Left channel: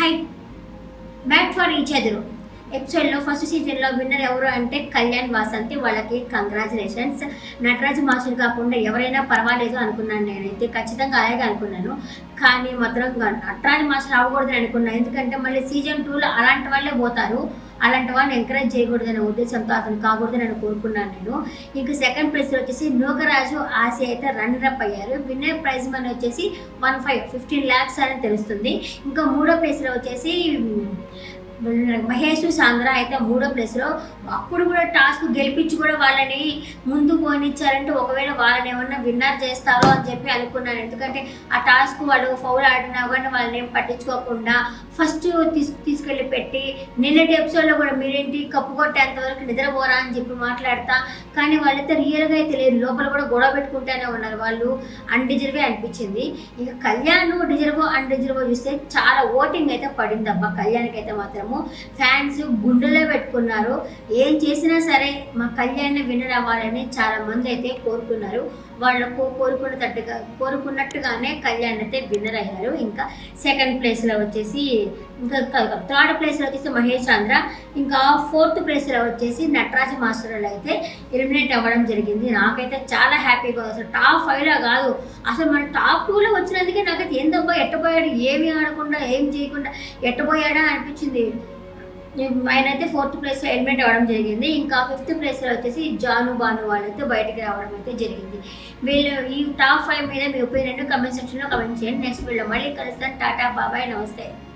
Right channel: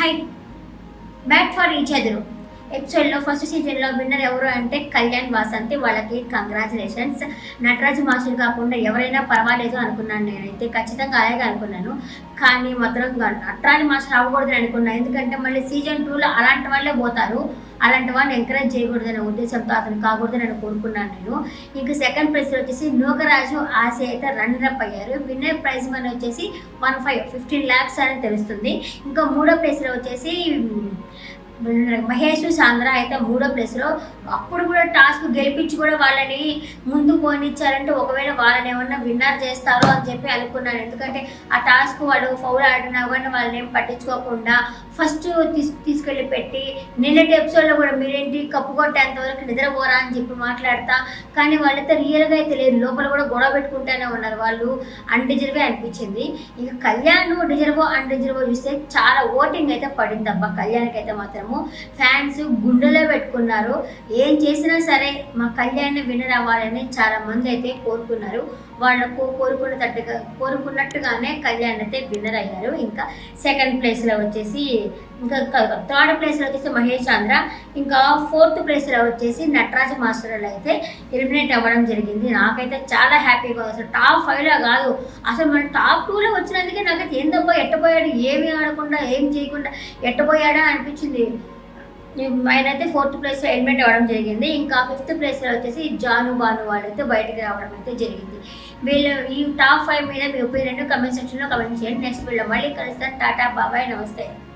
High made for each other ఎపిసోడ్లో first సీజన్లో winner ఎవరు అంటే కళ్యాణ్ వాసంతి. వాళ్ళకి కంగ్రాచులేషన్స్. నటరాజు మాస్టర్ కాకుండా ఎవరైనా పర్వాలేదు అనుకున్నాను. నేనైతే ఖచ్చితంగా అలాగే అనుకున్నాను. కానీ మాత్రం నటరాజు మాస్టర్ అవ్వకూడదని అనుకున్నాను. ఎందుకంటే మళ్ళీ సీజన్ 2లో అలాంటి వాళ్ళే పోతారు. అలాంటి వాళ్ళని ఎంకరేజ్ చేయకూడదనే ఉద్దేశంతో అతను కాకూడదని నేను కోరుకున్నాను. నేను ఇంకా సెకండ్ ప్లేస్లో వచ్చేసి నూకరాజు ఆశ అయితే రన్నరప్ అయ్యారు. విన్నర్ ప్రైజ్ మనీ వచ్చేసి 15 lakhs అని తెలుస్తుంది. ఇంకా మూడో ప్లేస్లో వచ్చేసి మహేష్ సాంద్ర అయితే మూడో ప్లేస్లో. అప్పుడు కూడా టాస్క్ గెలిపించి కూడా వాళ్ళని ముందు పోనిచ్చారంటే ఒకవేళ వాళ్ళని ఏమన్నా విన్నర్ చేస్తారో అని చెప్పి అనుకున్నాను. ఎందుకంటే ఆ టాస్క్ వాళ్ళు ఫౌల్ ఆడినా కానీ వాళ్ళని ఏం పట్టించుకోకుండా ఫస్ట్ తీసుకెళ్ళి పెట్టి నిన్నటి ఎపిసోడ్లో కూడా మీరేంటి కప్పు కొట్టేంత వరకు నిద్రపోరా అని చెప్పి మాట్లాడతా. కానీ వాళ్ళైతే రియల్గా అయితే లేదు, లోపల కూడా గొడవ పెట్టుకుంటూనే ఉన్నారు. వాళ్ళు అన్డిజర్వే అనిపించింది. ఇక కళ్యాణ్ డిజర్వో అన్డిజర్వో చూస్తే చాలా ఓటింగ్ అయితే పడింది అబ్బా. కళ్యాణ్కి అయితే మాత్రము ఫ్యాన్స్ గుండెలో పెట్టుకున్నారు. ఏం చేసినా సరే మా కళ్యాణ్ విన్నర్ అవ్వాలని చాలా మంది అయితే కోరుకున్నారు. వాళ్ళకు కోరుకున్నట్టుగానే కళ్యాణ్ అయితే విన్నర్ అయ్యారు. ఇంకా సెకండ్ ప్లేస్లో వచ్చేసి ఇంకా థర్డ్ ప్లేస్లో వచ్చేసి మహేష్ ఆంధ్ర. ఇంకా ఫోర్త్ ప్లేస్లో వచ్చేసి నటరాజ మాస్టర్లు అయితే ఎలిమినేట్ అవ్వడం జరిగింది. నాకైతే చాలా హ్యాపీగా ఉంది. అసలు టాప్ 5లో కాదు, అసలు మన టాప్ 2లో వచ్చినందుకే నాకైతే ఏందబ్బా ఎట్టపోయాడు, ఏమీ ఆడకుండా ఏం చేయకుండా ఎట్టపోయాడా అనిపించింది. ఆయన అయితే ఫోర్త్ ప్లేస్లో ఎలిమినేట్ అవ్వడం జరిగింది. ఇంకా ఫిఫ్త్ ప్లేస్లో వచ్చేసి జాను బాను వాళ్ళైతే బయటికి రావడం అయితే జరిగింది. వీళ్ళు ఈ టాప్ 5 మీద మీ ఒపీనియన్ కమెంట్ సెక్షన్లో కమెంట్ చేయండి. నెక్స్ట్ వీళ్ళు మళ్ళీ కలుస్తాను. టాటా బాబాయ్, నమస్తే.